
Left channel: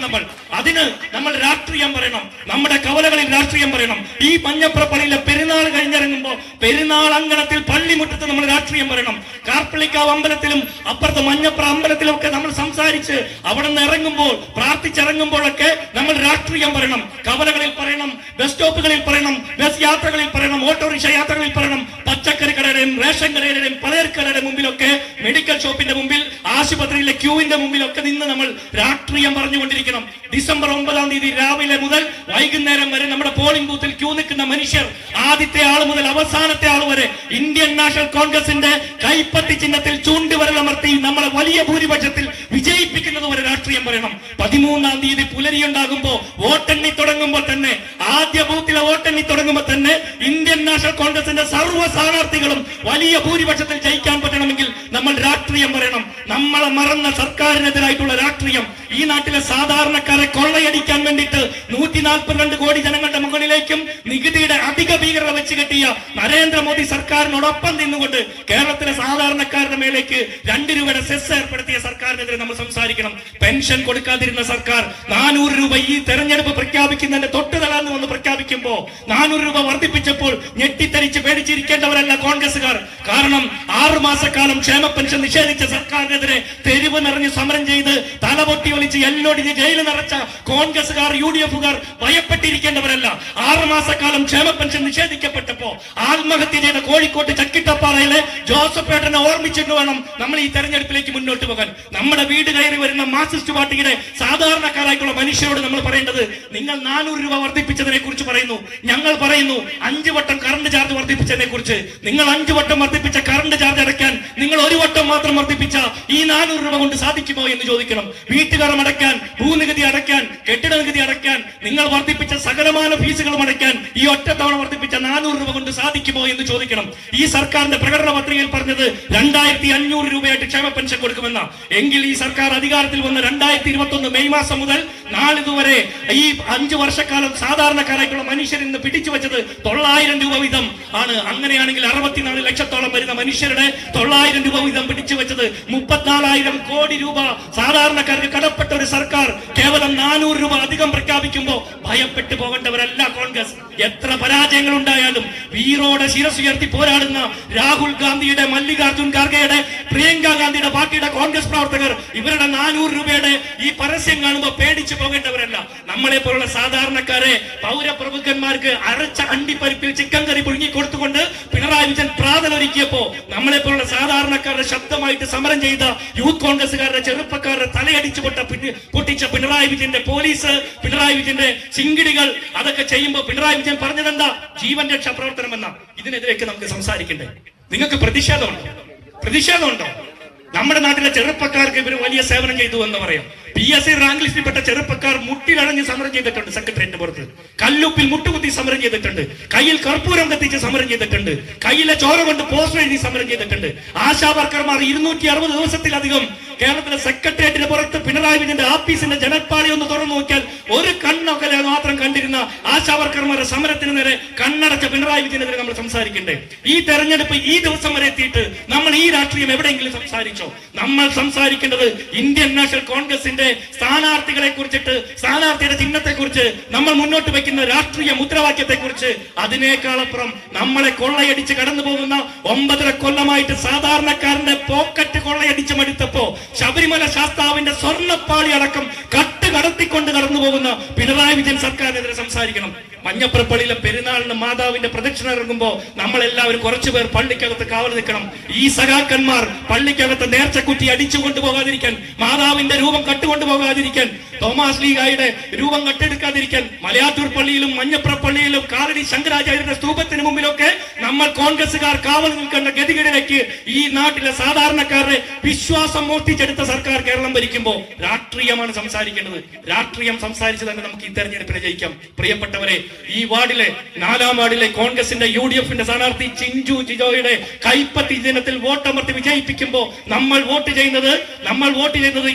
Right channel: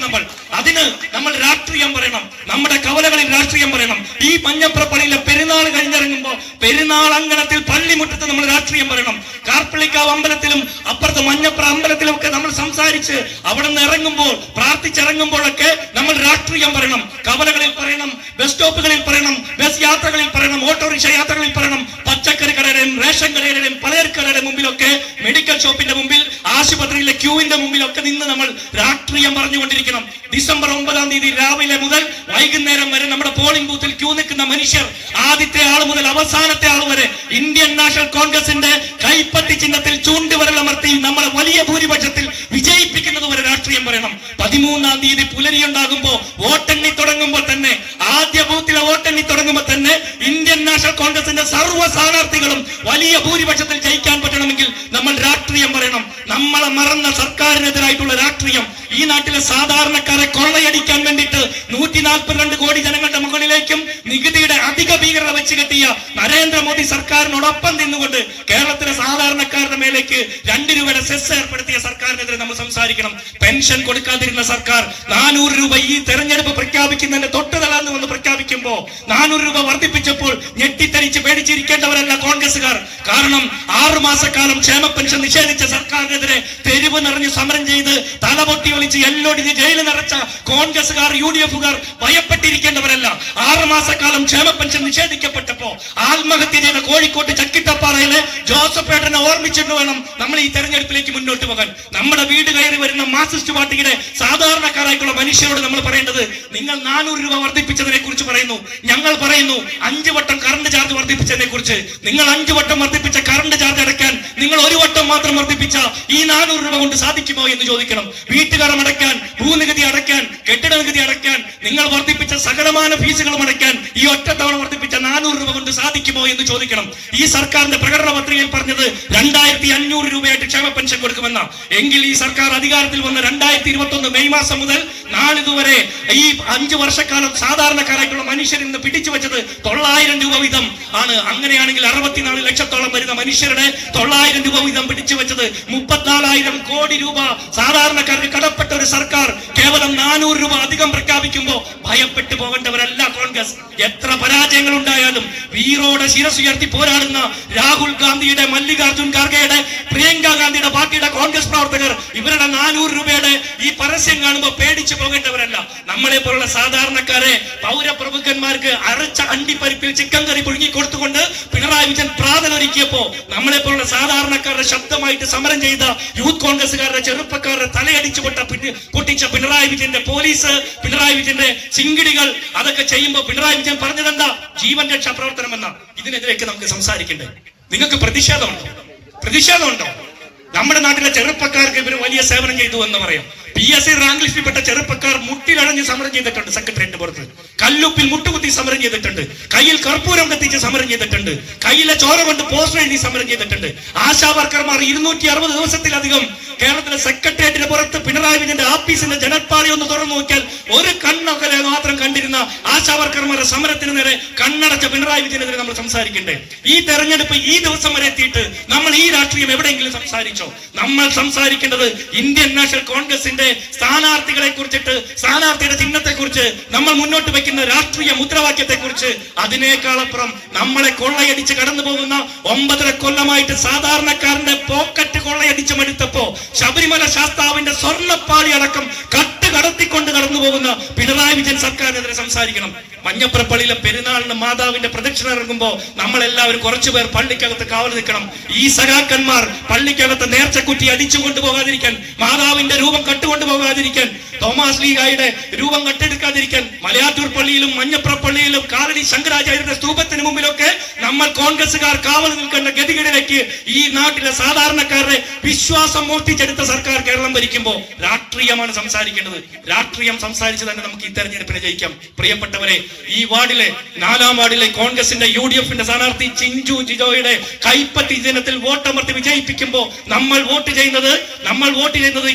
അതിന് നമ്മൾ രാഷ്ട്രീയം പറയണം, നമ്മുടെ കവലകളിൽ രാഷ്ട്രീയം പറയണം. ഈ മഞ്ഞപ്ര പള്ളിയിലെ പെരുന്നാൾ കഴിഞ്ഞിറങ്ങുമ്പോൾ പെരുന്നാൾ അങ്കണത്തിൽ പള്ളിമുറ്റത്ത് നമ്മൾ രാഷ്ട്രീയം പറയണം. കാർപ്പള്ളിക്കാവ് അമ്പലത്തിലും അപ്പുറത്ത് മഞ്ഞപ്ര അമ്പലത്തിലും ഒക്കെ നമ്മൾ സംസാരിച്ച് അവിടെ നിന്ന് ഇറങ്ങുമ്പോൾ പ്രാർത്ഥിച്ചിറങ്ങുമ്പോഴൊക്കെ നമ്മൾ രാഷ്ട്രീയം പറയണം. കവലകളിൽ പറയണം, ബസ് സ്റ്റോപ്പുകളിൽ പറയണം, ബസ് യാത്രകളിൽ പറയണം, ഓട്ടോറിക്ഷ യാത്രകളിൽ പറയണം. പച്ചക്കറി കടയുടെയും റേഷൻ കടയുടെയും പലചരക്കടയുടെ മുമ്പിലൊക്കെ, മെഡിക്കൽ ഷോപ്പിന്റെ മുമ്പിൽ, ആശുപത്രിയിലെ ക്യൂവിന്റെ മുമ്പിലൊക്കെ നിന്ന് നമ്മൾ രാഷ്ട്രീയം പറഞ്ഞുകൊണ്ടിരിക്കണം. ഡിസംബർ 9-ാം തീയതി രാവിലെ മുതൽ വൈകുന്നേരം വരെ നമ്മുടെ പോളിംഗ് ബൂത്തിൽ ക്യൂ നിൽക്കുന്ന മനുഷ്യർ, ആദ്യത്തെ ആൾ മുതൽ അവസാനത്തെ ആൾ വരെ ഇന്ത്യൻ നാഷണൽ കോൺഗ്രസിന്റെ കൈപ്പത്തി ചിഹ്നത്തിൽ ചൂണ്ടുവിരലമർത്തി നമ്മളെ വലിയ ഭൂരിപക്ഷത്തിൽ വിജയിപ്പിക്കുന്ന മരിക്കുന്നത് വരെ രാഷ്ട്രീയം പറയണം. 13-ാം തീയതി പുലരിയുണ്ടാകുമ്പോ വോട്ടെണ്ണി തുടങ്ങുമ്പോൾ തന്നെ, ആദ്യ ബൂത്തിലെ വോട്ടെണ്ണി തുടങ്ങുമ്പോൾ തന്നെ ഇന്ത്യൻ നാഷണൽ കോൺഗ്രസിന്റെ സർവ്വ സ്ഥാനാർത്ഥികളും വലിയ ഭൂരിപക്ഷത്തിൽ ജയിക്കാൻ പറ്റണമെങ്കിൽ നമ്മൾ രാഷ്ട്രീയം പറയണം. നമ്മളെ മറന്ന സർക്കാരിനെതിരായിട്ടുള്ള രാഷ്ട്രീയം, ഈ നാട്ടിലെ സാധാരണക്കാരെ കൊള്ളയടിക്കാൻ വേണ്ടിയിട്ട് 142 കോടി ജനങ്ങളുടെ മുകളിലേക്കും നികുതിയുടെ അധിക ഭീകരത വെച്ച് കെട്ടിയ നരേന്ദ്രമോദി സർക്കാരിനോടൊപ്പം നിന്നുകൊണ്ട് കേരളത്തിലെ സാധാരണക്കാരുടെ മേലേക്ക് 2 രൂപയുടെ സെസ് ഏർപ്പെടുത്തിയ സർക്കാരിനെതിരെ നമ്മൾ സംസാരിക്കണം. പെൻഷൻ കൊടുക്കാതിരുന്ന സർക്കാർ 400 രൂപ ഈ തെരഞ്ഞെടുപ്പ് പ്രഖ്യാപിക്കുന്നതിന്റെ തൊട്ട് തളർന്നു വന്ന് പ്രഖ്യാപിക്കുമ്പോ 400 രൂപ വർദ്ധിപ്പിച്ചപ്പോൾ ഞെട്ടിത്തരിച്ച് പേടിച്ചിരിക്കേണ്ടവരല്ല കോൺഗ്രസുകാർ. കാരണം 6 മാസക്കാലം ക്ഷേമ പെൻഷൻ നിഷേധിച്ച സർക്കാരിനെതിരെ തെരുവ് നിറഞ്ഞ് സമരം ചെയ്ത് തലപൊട്ടി ഒളിച്ച് എല്ലോടിച്ച് ജയിലിൽ നിറച്ച കോൺഗ്രസുകാർ, UDF-കാർ ഭയപ്പെട്ടിരിക്കേണ്ടവരല്ല. 6 മാസക്കാലം ക്ഷേമ പെൻഷൻ നിഷേധിക്കപ്പെട്ടപ്പോ ആത്മഹത്യ ചെയ്ത കോഴിക്കോട്ട് ചക്കിട്ടപ്പാറയിലെ ജോസഫ് ഏട്ടനെ ഓർമ്മിച്ചിട്ട് വേണം നമ്മൾ ഈ തെരഞ്ഞെടുപ്പിലേക്ക് മുന്നോട്ട് പോകാൻ. നമ്മുടെ വീട് കയറി വരുന്ന മാർക്സിസ്റ്റ് പാർട്ടിയുടെ സാധാരണക്കാരായിട്ടുള്ള മനുഷ്യരോട് നമ്മൾ പറയേണ്ടത്, നിങ്ങൾ 400 രൂപ വർദ്ധിപ്പിച്ചതിനെ കുറിച്ച് പറയുന്നു, ഞങ്ങൾ പറയുന്നു 5 വട്ടം കറണ്ട് ചാർജ് വർദ്ധിപ്പിച്ചതിനെ കുറിച്ച്. നിങ്ങൾ 5 വട്ടം വർദ്ധിപ്പിച്ച കറണ്ട് ചാർജ് അടയ്ക്കാൻ നിങ്ങൾ 1 വട്ടം മാത്രം വർദ്ധിപ്പിച്ച ഈ 400 രൂപ കൊണ്ട് സാധിക്കുമോ എന്ന് ചോദിക്കണം. വീട്ടുകാരം അടയ്ക്കാൻ, ഭൂനികുതി അടയ്ക്കാൻ, കെട്ടിട നികുതി അടയ്ക്കാൻ, നിങ്ങൾ വർദ്ധിപ്പിച്ച സകലമാന ഫീസുകളും അടയ്ക്കാൻ ഈ ഒറ്റത്തവണ വർദ്ധിപ്പിച്ച 400 രൂപ കൊണ്ട് സാധിക്കുമോ എന്ന് ചോദിക്കണം. ഈ സർക്കാരിന്റെ പ്രകടന പത്രികയിൽ പറഞ്ഞത് 2500 രൂപയായിട്ട് ക്ഷേമ പെൻഷൻ കൊടുക്കുമെന്ന. എങ്കിൽ ഈ സർക്കാർ അധികാരത്തിൽ വന്ന 2021 മെയ് മാസം മുതൽ നാളിതുവരെ ഈ 5 വർഷക്കാലം സാധാരണക്കാരായിട്ടുള്ള മനുഷ്യരിൽ നിന്ന് പിടിച്ചു വെച്ചത് 900 രൂപ വീതം ആണ്. അങ്ങനെയാണെങ്കിൽ 64 ലക്ഷത്തോളം വരുന്ന മനുഷ്യരുടെ 900 രൂപ വീതം പിടിച്ചു വെച്ചത് 34,000 കോടി രൂപ സാധാരണക്കാർക്ക് കടപ്പെട്ട ഒരു സർക്കാർ കേവലം 400 രൂപ അധികം പ്രഖ്യാപിക്കുമ്പോൾ ഭയപ്പെട്ടു പോകേണ്ടവരല്ല കോൺഗ്രസ്. എത്ര പരാജയങ്ങൾ ഉണ്ടായാലും വീറോടെ ശിരസുയർത്തി പോരാടുന്ന രാഹുൽ ഗാന്ധിയുടെ, മല്ലികാർജുൻ ഖാർഗെയുടെ, പ്രിയങ്ക ഗാന്ധിയുടെ പാർട്ടിയുടെ കോൺഗ്രസ് പ്രവർത്തകർ ഇവരുടെ 400 രൂപയുടെ ഈ പരസ്യം കാണുമ്പോൾ പേടിച്ചു പോകേണ്ടവരല്ല. നമ്മളെ പോലുള്ള സാധാരണക്കാരെ പൗരപ്രഭുക്കന്മാർക്ക് അരച്ച അണ്ടിപ്പരിപ്പിൽ ചിക്കൻ കറി പുഴുങ്ങി കൊടുത്തുകൊണ്ട് പിണറായി വിജയൻ പ്രാതലൊരുക്കിയപ്പോ നമ്മളെ പോലുള്ള സാധാരണക്കാരുടെ ശബ്ദമായിട്ട് സമരം ചെയ്ത യൂത്ത് കോൺഗ്രസുകാരുടെ, ചെറുപ്പക്കാരുടെ തലയടിച്ചു പൊട്ടിച്ച പിണറായി വിജയന്റെ പോലീസ്, പിണറായി വിജയന്റെ ചിങ്കിടികൾ, അതൊക്കെ ചെയ്യുമ്പോൾ പിണറായി വിജയൻ പറഞ്ഞതെന്താ? ജീവൻ രക്ഷാ പ്രവർത്തനം എന്ന. ഇതിനെതിരെയൊക്കെ നമുക്ക് സംസാരിക്കണ്ടേ? നിങ്ങൾക്ക് പ്രതിഷേധമുണ്ടോ? നമ്മുടെ നാട്ടിലെ ചെറുപ്പക്കാർക്ക് ഇവർ വലിയ സേവനം ചെയ്തു എന്ന് പറയാം. PSC റാങ്ക് ലിസ്റ്റിൽപ്പെട്ട ചെറുപ്പക്കാർ മുട്ടിലടഞ്ഞ് സമരം ചെയ്തിട്ടുണ്ട്. സെക്രട്ടേറിയറ്റ് പുറത്ത് കല്ലുപ്പിൽ മുട്ടുകുത്തി സമരം ചെയ്തിട്ടുണ്ട്. കയ്യിൽ കർപ്പൂരം കത്തിച്ച് സമരം ചെയ്തിട്ടുണ്ട്. കയ്യിലെ ചോര കൊണ്ട് പോസ്റ്റർ എഴുതി സമരം ചെയ്തിട്ടുണ്ട്. ആശാ വർക്കർമാർ 260 ദിവസത്തിലധികം കേരളത്തിലെ സെക്രട്ടേറിയറ്റിന് പുറത്ത് പിണറായി വിജയന്റെ ആഫീസിന്റെ ജനൽപ്പാളി ഒന്ന് തുറന്നു നോക്കിയാൽ ഒരു കണ്ണൊക്കെ മാത്രം കണ്ടിരുന്ന ആശാ വർക്കർമാരുടെ സമരത്തിന് നേരെ കണ്ണടച്ച പിണറായി വിജയനെതിരെ നമ്മൾ സംസാരിക്കണ്ടേ? ഈ തെരഞ്ഞെടുപ്പ് ഈ ദിവസം വരെ എത്തിയിട്ട് നമ്മൾ ഈ രാഷ്ട്രീയം എവിടെയെങ്കിലും സംസാരിച്ചോ? നമ്മൾ സംസാരിക്കേണ്ടത് ഇന്ത്യൻ നാഷണൽ കോൺഗ്രസിന്റെ സ്ഥാനാർത്ഥികളെ കുറിച്ചിട്ട്, സ്ഥാനാർത്ഥിയുടെ ചിഹ്നത്തെ കുറിച്ച്, നമ്മൾ മുന്നോട്ട് വെക്കുന്ന രാഷ്ട്രീയ മുദ്രാവാക്യത്തെ കുറിച്ച്. അതിനേക്കാളപ്പുറം നമ്മളെ കൊള്ളയടിച്ച് കടന്നു പോകുന്ന 9.5 കൊല്ലമായിട്ട് സാധാരണക്കാരന്റെ പോക്കറ്റ് കൊള്ളയടിച്ച് മടുത്തപ്പോ ശബരിമല ശാസ്താവിന്റെ സ്വർണ്ണപ്പാളി അടക്കം കടത്തിക്കൊണ്ട് കടന്നു പോകുന്ന പിണറായി വിജയൻ സർക്കാരിനെതിരെ സംസാരിക്കണം. മഞ്ഞപ്രപ്പള്ളിയിലെ പെരുന്നാളിന് മാതാവിന്റെ പ്രദക്ഷിണ ഇറങ്ങുമ്പോ നമ്മളെല്ലാവരും കുറച്ചുപേർ പള്ളിക്കകത്ത് കാവൽ നിൽക്കണം. ഈ സഖാക്കന്മാർ പള്ളിക്കകത്ത് നേർച്ചക്കുറ്റി അടിച്ചു കൊണ്ടുപോകാതിരിക്കാൻ, മാതാവിന്റെ രൂപം കട്ടുകൊണ്ടുപോകാതിരിക്കാൻ, തോമസ് ലീഗായുടെ രൂപം കട്ടെടുക്കാതിരിക്കാൻ, മലയാറ്റൂർ പള്ളിയിലും മഞ്ഞപ്രപ്പള്ളിയിലും കാലടി ശങ്കരാചാര്യരുടെ സ്തൂപത്തിന് മുമ്പിലൊക്കെ നമ്മൾ കോൺഗ്രസുകാർ കാവൽ നിൽക്കേണ്ട ഗതികേടിലേക്ക് ഈ നാട്ടിലെ സാധാരണക്കാരുടെ വിശ്വാസം മോഷ്ടിച്ചെടുത്ത സർക്കാർ കേരളം ഭരിക്കുമ്പോൾ രാഷ്ട്രീയമാണ് സംസാരിക്കേണ്ടത്. രാഷ്ട്രീയം സംസാരിച്ച് തന്നെ നമുക്ക് ഈ തെരഞ്ഞെടുപ്പിനെ ജയിക്കാം. പ്രിയപ്പെട്ടവരെ, ഈ വാർഡിലെ 4-ാം വാർഡിലെ കോൺഗ്രസിന്റെ UDF-ന്റെ സ്ഥാനാർത്ഥി ചിഞ്ചു ജിജോയുടെ കൈപ്പത്തി ദിനത്തിൽ വോട്ടമർത്തി വിജയിപ്പിക്കുമ്പോൾ നമ്മൾ വോട്ട് ചെയ്യുന്നത്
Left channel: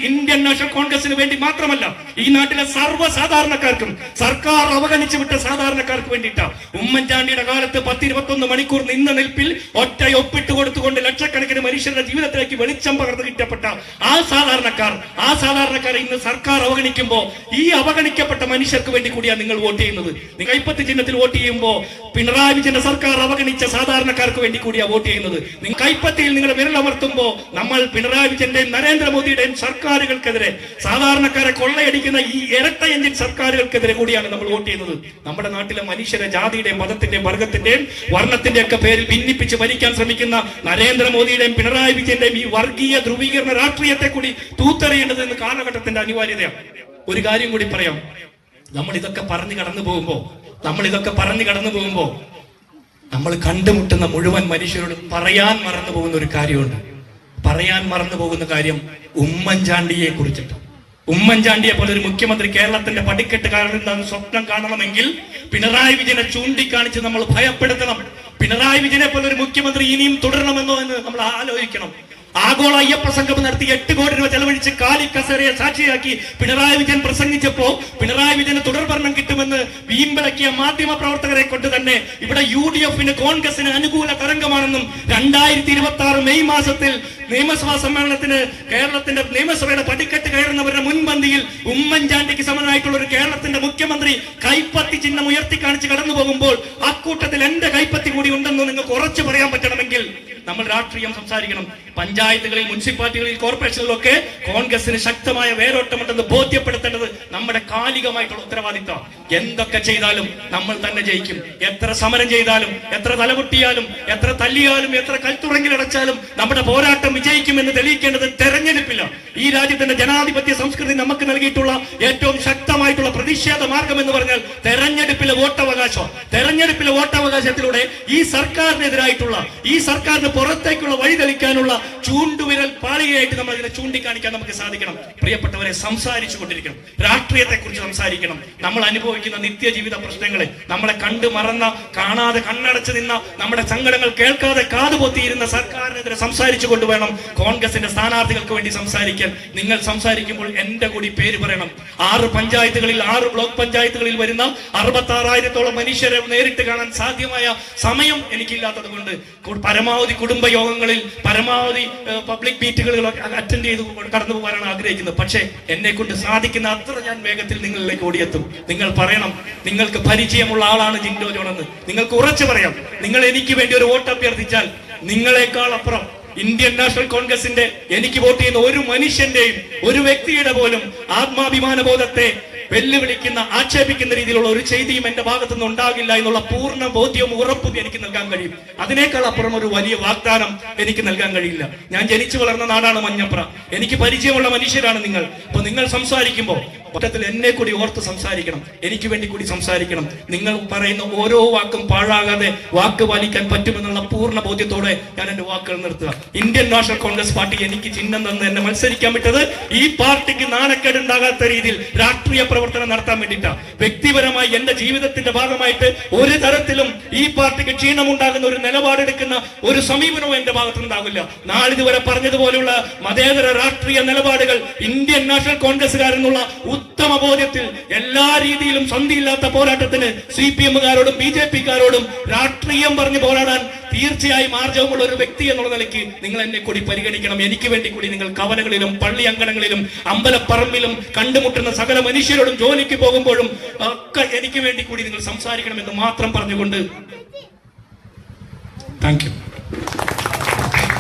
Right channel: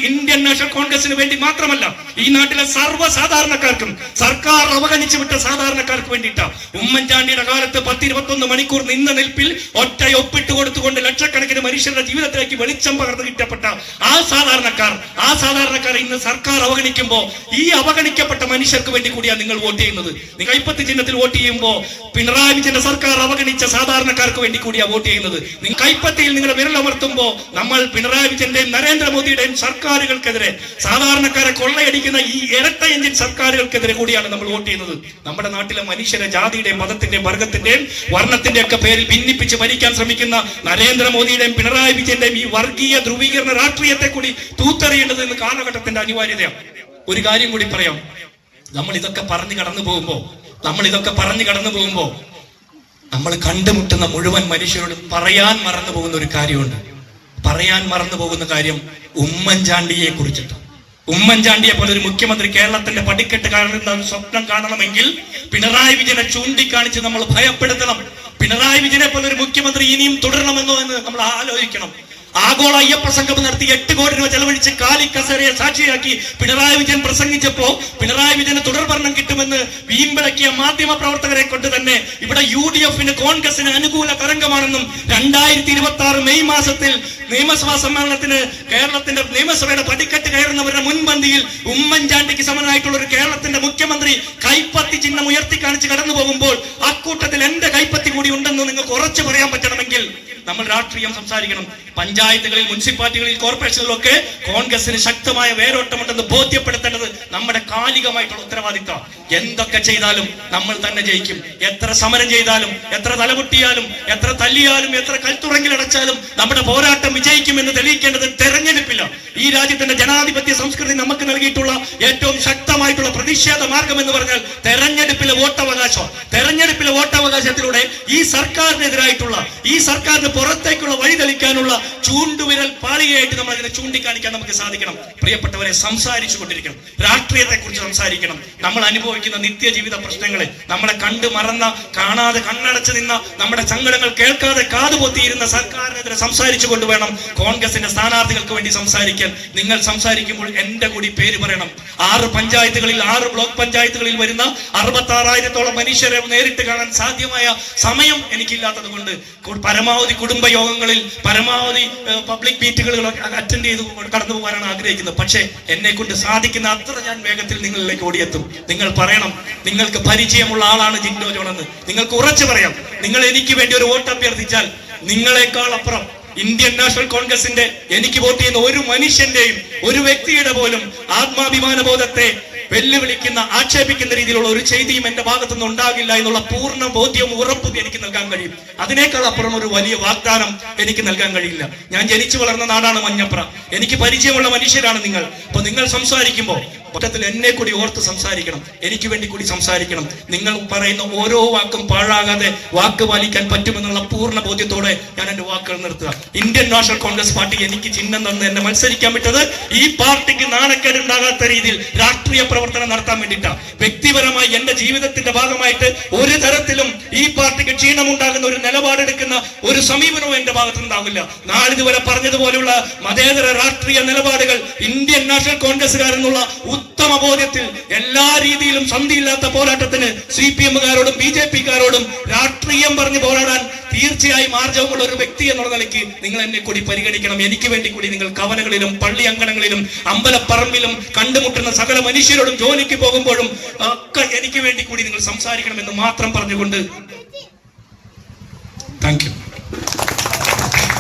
ഇന്ത്യൻ നാഷണൽ കോൺഗ്രസിന് വേണ്ടി മാത്രമല്ല, ഈ നാട്ടിലെ സർവ്വ സാധാരണക്കാർക്കും, സർക്കാർ അവഗണിച്ചു വിട്ട സാധാരണക്കാർക്ക് വേണ്ടിയിട്ടാണ്. ഉമ്മൻചാണ്ടിയുടെ കാലത്ത് 10-21 മണിക്കൂർ നിന്ന നിൽപ്പിൽ ഒറ്റ ഒപ്പിട്ട് കൊടുത്തുകൊണ്ട് ലക്ഷക്കണക്കിന് മനുഷ്യരുടെ ജീവിതത്തിലേക്ക് വെളിച്ചം പകർന്നു കിട്ടപ്പെട്ട ആ സാധാരണക്കാരെ ഇന്ന് സർക്കാർ അവഗണിക്കുമ്പോ ഈ അവഗണിക്കപ്പെട്ട മനുഷ്യർക്ക് വേണ്ടി കൂടിയാണ് നിങ്ങൾ വോട്ട് ചെയ്യുന്നത്. നിങ്ങൾ കൈപ്പത്തി ചിഹ്നത്തിൽ വോട്ട് ചെയ്യുമ്പോൾ പിണറായി വിജയന്റെ സർക്കാർ അവഗണിച്ച സാധാരണക്കാർക്ക് വേണ്ടി കൂടിയാണ് വോട്ട് ചെയ്യുന്നത്. നിങ്ങൾ കൈപ്പത്തിയിൽ നിങ്ങളുടെ വിരലമർത്തുമ്പോൾ നമ്മൾ പിണറായി വിജയന്റെയും നരേന്ദ്രമോദിയുടെയും സർക്കാരുകൾക്കെതിരെ, സാധാരണക്കാരെ കൊള്ളയടിക്കുന്ന ഈ ഇരട്ട എഞ്ചിൻ സർക്കാരുകൾക്കെതിരെ കൂടിയാണ് നമ്മൾ വോട്ട് ചെയ്യുന്നത്. നമ്മുടെ നാട്ടിലെ മനുഷ്യരെ ജാതിയുടെയും മതത്തിന്റെയും വർഗത്തിന്റെയും വർണ്ണത്തിന്റെയും ഒക്കെ പേരിൽ ഭിന്നിപ്പിച്ച് ഭരിക്കാൻ ശ്രമിക്കുന്ന നരേന്ദ്രമോദിയുടെയും പിണറായി വിജയന്റെയും ഈ വർഗീയ ധ്രുവീകരണ രാഷ്ട്രീയത്തെ കൂടി തൂത്തെറിയേണ്ടത് ഇന്ന് കാലഘട്ടത്തിന്റെ അനിവാര്യതയാണ്. ഒരു കാര്യം കൂടി പറയാം. നമ്മൾ ഇതൊക്കെ പറഞ്ഞു കടന്നു പോകുമ്പോ നമ്മൾ കണ്ടുമുട്ടുന്ന മുഴുവൻ മനുഷ്യരോട് പറയാൻ മറന്നു പോകുന്ന ഒരു കാര്യമുണ്ട്. പറയാൻ മറന്നു പോകുന്ന കാര്യം ഉമ്മൻചാണ്ടിയെ കുറിച്ചിട്ട്. ഉമ്മൻചാണ്ടിയെ പോലെ ഒരു മുഖ്യമന്ത്രി കേരളത്തിന്റെ പടിക്കെട്ട് കയറുന്ന സ്വപ്നം കാണണമെങ്കിൽ പിണറായി വിജയനെ ചൂണ്ടിക്കാണിച്ച് നമ്മൾ ഭയപ്പെടുത്തണം. പിണറായി വിജയനെ പോലെ ഒരു മുഖ്യമന്ത്രി ഇനിയും തുടരണമെന്നോ എന്ന് നമ്മൾ ആലോചിക്കണം. ആഗോള അയ്യപ്പ സംഗമം നടത്തി 8 കോടി രൂപ ചെലവഴിച്ച് കാലി കസേരയെ സാക്ഷിയാക്കി പിണറായി വിജയൻ പ്രസംഗിച്ചപ്പോ പിണറായി വിജയന് തുടർഭരണം കിട്ടുമെന്ന് വീമ്പിളക്കിയ മാധ്യമ പ്രവർത്തകരെ കൊണ്ട് തന്നെ ഇവിടെ UDF-ന് കോൺഗ്രസിന് അനുകൂല തരംഗമാണെന്നും 2026 മെയ് മാസത്തിൽ നിയമസഭാ സമ്മേളനത്തിന് കേരളത്തിന്റെ നിയമസഭയുടെ പടിക്കെട്ട് കയറുന്നവരുടെ മുൻപന്തിയിൽ ഉമ്മൻചാണ്ടിക്ക് സമനായിട്ടുള്ള ഒരു കേരളത്തിന്റെ മുഖ്യമന്ത്രി കൈപ്പത്തി ചിഹ്നം ഉയർത്തി കാണിച്ച് കടന്നു പോകുമ്പോൾ അക്കൂട്ടത്തിൽ എന്റെ കൈപ്പത്തി കൂടി ഉണ്ടെന്ന് നിങ്ങൾക്ക് ഉറച്ചു പറയാൻ പറ്റണമെങ്കിൽ നമ്മൾ രാഷ്ട്രീയം സംസാരിക്കണം. പഞ്ചായത്തുകളിൽ, മുനിസിപ്പാലിറ്റികളിൽ, കോർപ്പറേഷനിലൊക്കെ കോൺഗ്രസിന് ശക്തമായ വേരോട്ടമുണ്ടെന്ന് ബോധ്യപ്പെടുത്തേണ്ടത് നമ്മുടെ കാലികമായിട്ടുള്ള ഉത്തരവാദിത്തം. എന്തൊക്കെ ചെയ്താലും നമ്മൾ തന്നെ ജയിക്കും. എത്ര സമരം ചെയ്താലും, എത്ര തലമുട്ടിയാലും, എത്ര തല്ലിയാലും, എത്ര കൽത്തുറങ്കിലടച്ചാലും നമ്മുടെ പോരാട്ടം വിജയിക്കുമെന്ന് തെളിയിക്കേണ്ടത് തെരഞ്ഞെടുപ്പില്ല. ഈ രാജ്യത്തിന്റെ ജനാധിപത്യ സംസ്കൃതി നമുക്ക് നൽകിയിട്ടുള്ള ഏറ്റവും ശക്തമായിട്ടുള്ള പ്രതിഷേധ മാർഗം എന്ന് പറഞ്ഞാൽ തെരഞ്ഞെടുപ്പിലെ വോട്ടവകാശം. തെരഞ്ഞെടുപ്പിലെ വോട്ടവകാശത്തിലൂടെ ഈ സർക്കാരിനെതിരായിട്ടുള്ള, ഈ സർക്കാരിന് പുറത്തേക്കുള്ള വഴി തെളിക്കാനുള്ള ചൂണ്ടുവിരൽ പാളികയായിട്ട് നമ്മൾ അതിനെ ചൂണ്ടിക്കാണിക്കാൻ നമുക്ക് സാധിക്കണം. പ്രിയപ്പെട്ടവരെ, സംസാരിച്ചു കൊണ്ടിരിക്കണം. രാഷ്ട്രീയത്തെ കുറിച്ച് സംസാരിക്കണം. നമ്മൾ അനുഭവിക്കുന്ന നിത്യജീവിത പ്രശ്നങ്ങളെ, നമ്മളെ കണ്ടു മറന്ന, കാണാതെ കണ്ണടച്ച് നിന്ന, നമ്മുടെ സങ്കടങ്ങൾ കേൾക്കാതെ കാതുപൊത്തിയിരുന്ന സർക്കാരിനെതിരെ സംസാരിച്ചു കൊണ്ടുവേണം കോൺഗ്രസിന്റെ സ്ഥാനാർത്ഥികൾക്ക് വേണ്ടി സംസാരിക്കാൻ. നിങ്ങൾ സംസാരിക്കുമ്പോൾ എന്റെ കൂടി പേര് പറയണം. 6 പഞ്ചായത്തുകളിൽ, 6 ബ്ലോക്ക് പഞ്ചായത്തുകളിൽ വരുന്ന 66,000-ഓളം മനുഷ്യരെ നേരിട്ട് കാണാൻ സാധ്യമായ സമയം എനിക്കില്ലാത്തത് കൊണ്ട് പരമാവധി കുടുംബയോഗങ്ങളിൽ, പരമാവധി പബ്ലിക് മീറ്റുകളിലൊക്കെ അറ്റൻഡ് ചെയ്ത് കടന്നു പോകാനാണ് ആഗ്രഹിക്കുന്നത്. പക്ഷേ എന്നെ കൊണ്ട് സാധിക്കുന്ന അത്ര ഞാൻ വേഗത്തിൽ നിങ്ങളിലേക്ക് ഓടിയെത്തും. നിങ്ങൾ പറയണം, നിങ്ങൾക്ക് പരിചയമുള്ള ആളാണ് ജിൻഡോ ജോൺ എന്ന് നിങ്ങൾക്ക് ഉറച്ചു പറയാം. നിങ്ങൾ എനിക്ക് വേണ്ടി ഒരു വോട്ട് അഭ്യർത്ഥിച്ചാൽ നിങ്ങളെക്കാൾ അപ്പുറം ഇന്ത്യൻ നാഷണൽ കോൺഗ്രസിന്റെ എനിക്ക് വോട്ട് ചെയ്യുന്ന ഒരു മനുഷ്യന്റെയും, ഒരു വ്യക്തിയുടെ പോലും ആത്മാഭിമാന ബോധത്തെ വെല്ലുവിളിക്കുന്ന, ആക്ഷേപിക്കുന്ന രീതിയിലുള്ള ഒരു ചെയ്തിയും എന്റെ ഭാഗത്തുനിന്ന് ഉണ്ടാകില്ല എന്നുള്ള പൂർണ്ണ ബോധ്യവും ഉറപ്പും എനിക്ക് നൽകാൻ കഴിയും. അതിനേക്കാൾ അപ്പുറം ഒരു വലിയ വാഗ്ദാനം എനിക്ക് നൽകാൻ കഴിയില്ല. ഞാൻ ജനിച്ചു വളർന്ന നാടാണ് മഞ്ഞപ്ര. എനിക്ക് പരിചയമുള്ള മനുഷ്യരാണ് നിങ്ങൾ. അപ്പൊ നിങ്ങൾ സംസാരിക്കുമ്പോൾ ഒറ്റത്തിൽ എന്നെ കൂടി ഓർത്ത് സംസാരിക്കണം. എനിക്ക് വേണ്ടി കൂടി സംസാരിക്കണം. നിങ്ങൾ പറയുന്ന ഓരോ വാക്കും പാഴാകാതെ വാക്ക് പാലിക്കാൻ പറ്റുമെന്നുള്ള പൂർണ്ണ ബോധ്യത്തോടെ ഞാൻ എന്റെ വാക്കുകൾ നിർത്തുക. ഇന്ത്യൻ നാഷണൽ കോൺഗ്രസ് പാർട്ടി എനിക്ക് ചിഹ്നം തന്ന് എന്നെ മത്സരിക്കാൻ വിട്ടത് ഈ പാർട്ടിക്ക് നാണക്കേടുണ്ടാകാത്ത രീതിയിൽ രാഷ്ട്രീയ പ്രവർത്തനം നടത്താൻ വേണ്ടിയിട്ടാണ്. വ്യക്തിപരമായി എന്റെ ജീവിതത്തിന്റെ ഭാഗമായിട്ട് ഒരു തരത്തിലും ഈ പാർട്ടിക്ക് ക്ഷീണമുണ്ടാകുന്ന ഒരു നിലപാടെടുക്കുന്ന ഒരു സമീപനവും എന്റെ ഭാഗത്തുനിന്നുണ്ടാവില്ല. നാളിതുവരെ പറഞ്ഞതുപോലെയുള്ള മതേതര രാഷ്ട്രീയ നിലപാടുകൾ ഇന്ത്യൻ നാഷണൽ കോൺഗ്രസുകാരെന്നുള്ള ഉത്തമ ബോധ്യത്തിൽ എല്ലാ രീതിയിലും സന്ധിയില്ലാത്ത പോരാട്ടത്തിന് CPM-കാരോടും BJP-കാരോടും രാഷ്ട്രീയം പറഞ്ഞ് പോരാടാൻ തീർച്ചയായും ആർജവമുള്ള ഒരു വ്യക്തി എന്നുള്ള നിലയ്ക്ക് നിങ്ങൾ എന്നെ കൂടി പരിഗണിക്കണം. എനിക്ക് വേണ്ടി കൂടി നിങ്ങൾ കവലകളിലും പള്ളി അങ്കണങ്ങളിലും അമ്പലപ്പറമ്പിലും കണ്ടുമുട്ടുന്ന സകല മനുഷ്യരോടും ജോലിക്ക് പോകുമ്പോഴും ഒക്കെ എനിക്ക് വേണ്ടി കൂടി നിങ്ങൾ സംസാരിക്കണമെന്ന് മാത്രം പറഞ്ഞുകൊണ്ട് താങ്ക് യു.